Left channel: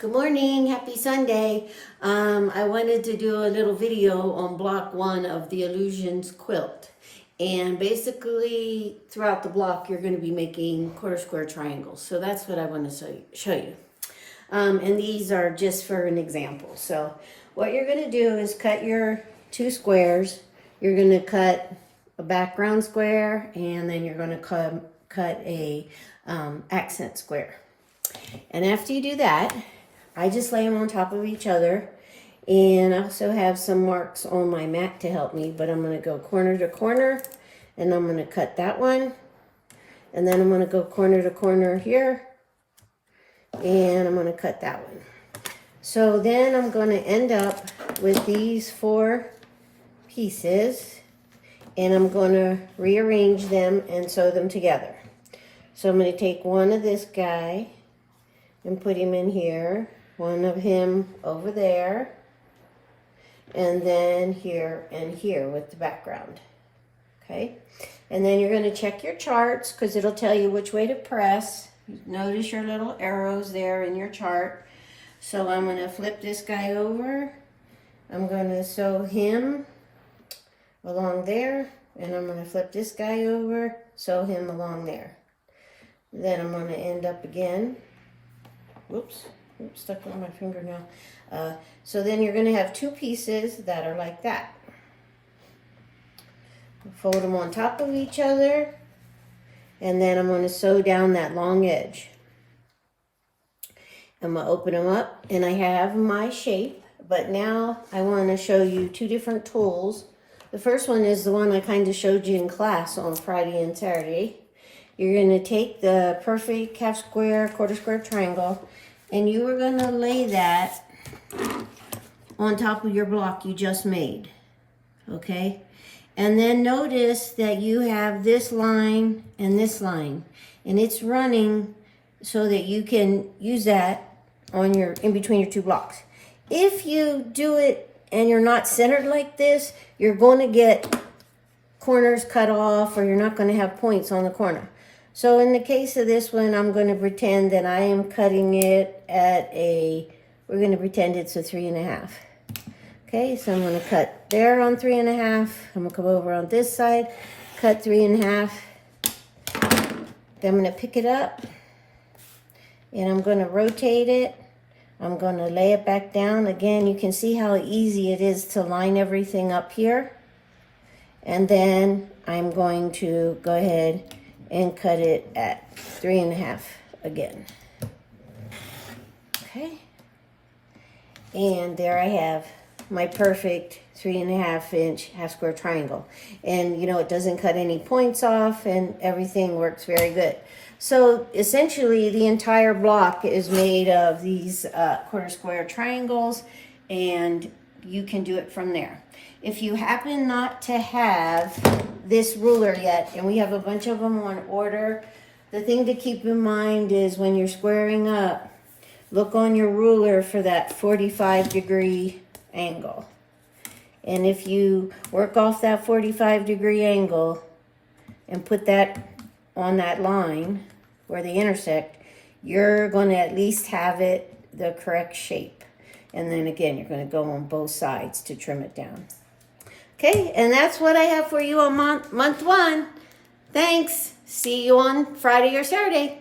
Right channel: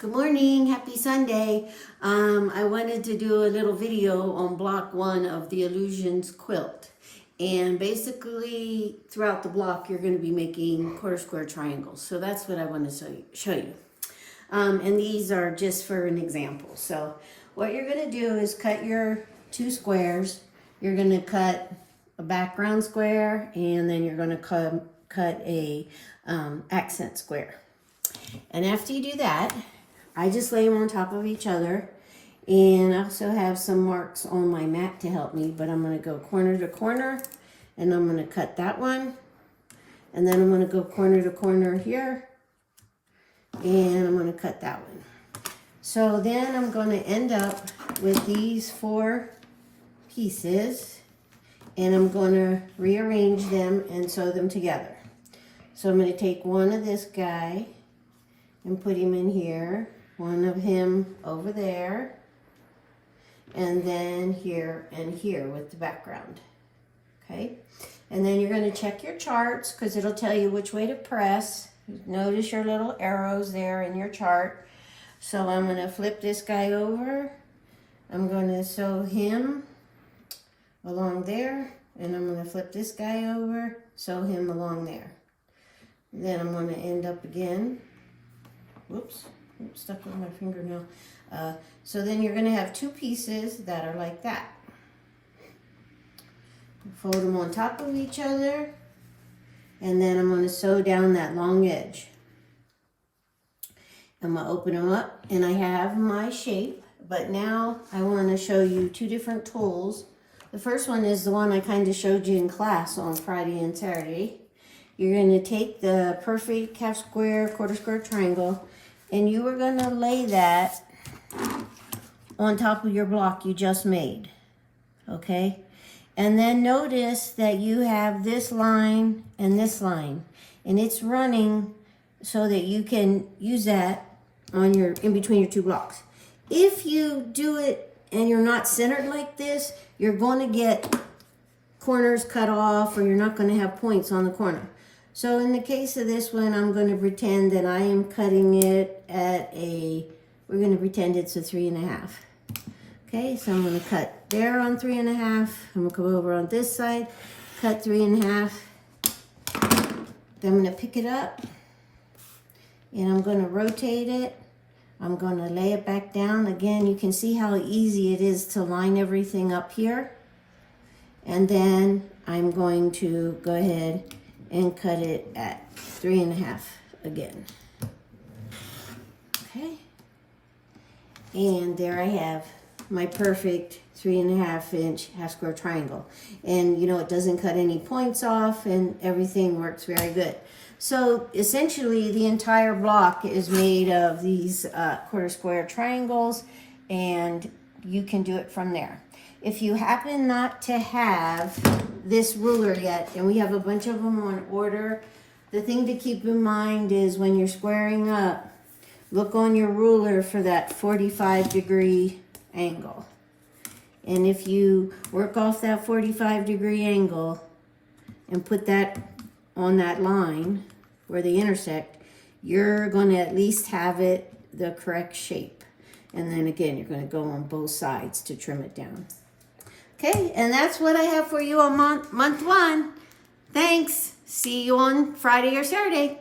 Good morning, happy Sunday. I wanted to do a little video on block 1 of the Illusions quilt. And basically throughout the block you're going to be making quarter square triangles. So that's what I want to show you. And these are just for an example. So what you're going to do is cut your 2 squares. You're going to cut a background square and then you're going to cut a accent square. And after you do that, I just lay them on top of each other, and I also have some marks on my mat to help me, but I'm going to go corner to corner, and I'm going to cut that one, and then I'm going to go corner to corner here, and I'm going to cut that one. So then I'm going to end up with these 4 pieces, and I'm going to rearrange them and sew them together. So I'm going to take one of this guy and put him in here, one of him over there, and then here and here with the background. Okay, and then you're going to check your charts because it'll tell you which way to press. Notice your little arrows there in your chart. So I'm going to flip this guy over. I'm going to sew him along there, and I'm going to flip this guy over, sew him along there. Then I'm going to end up again. Whoops, stuck on my fingernail. So then you're going to have 2 pieces that are like that. Fold them on top of each other, and then I'm going to sew down that long edge. I'm going to open them up, and I have my shape, but now I want to show you 2 different tools. The first one is the one I kind of showed you in class on Friday and Saturday. You're going to take the perfect half square, quarter square triangle, and you are going to lay that on top of your block you just made, okay? And then notice that you have this line and this line, and it's running so that you can use that on your in between your 2 blocks. If you do it and you're not centered like this, you're going to get corners cut off, or you're not going to have points on the corner. So in the case of this one, I'm going to pretend that I am cutting it at we're going to pretend it's a 3.5. Okay, so I'm going to cut there on 3.5. I'm going to come over on this side, cut 3.5. Then I'm going to pick it up, and I'm going to rotate it. I'm going to lay it back down. Again, you can see how easy it is to line everything up here. And then I'm going to go ahead and cut it at 3.5 again. Okay, and there I have my perfect 3.5 inch half square triangle. And you know, it doesn't cut any points off, and everything works very good. So essentially the entire block is made of these quarter square triangles, and you can do it from there. If you happen not to have this ruler yet, and we have a bunch of them on order, the thing to keep in mind is when you're squaring up, look on your ruler for that 45-degree angle. And if you work off that 45-degree angle and put that on that line where they intersect, you're going to at least have it the correct shape. And then again, you're going to go on both sides to trim it down. Okay, and that's what I have for you on month 1. Thanks. See you on Friday or Saturday.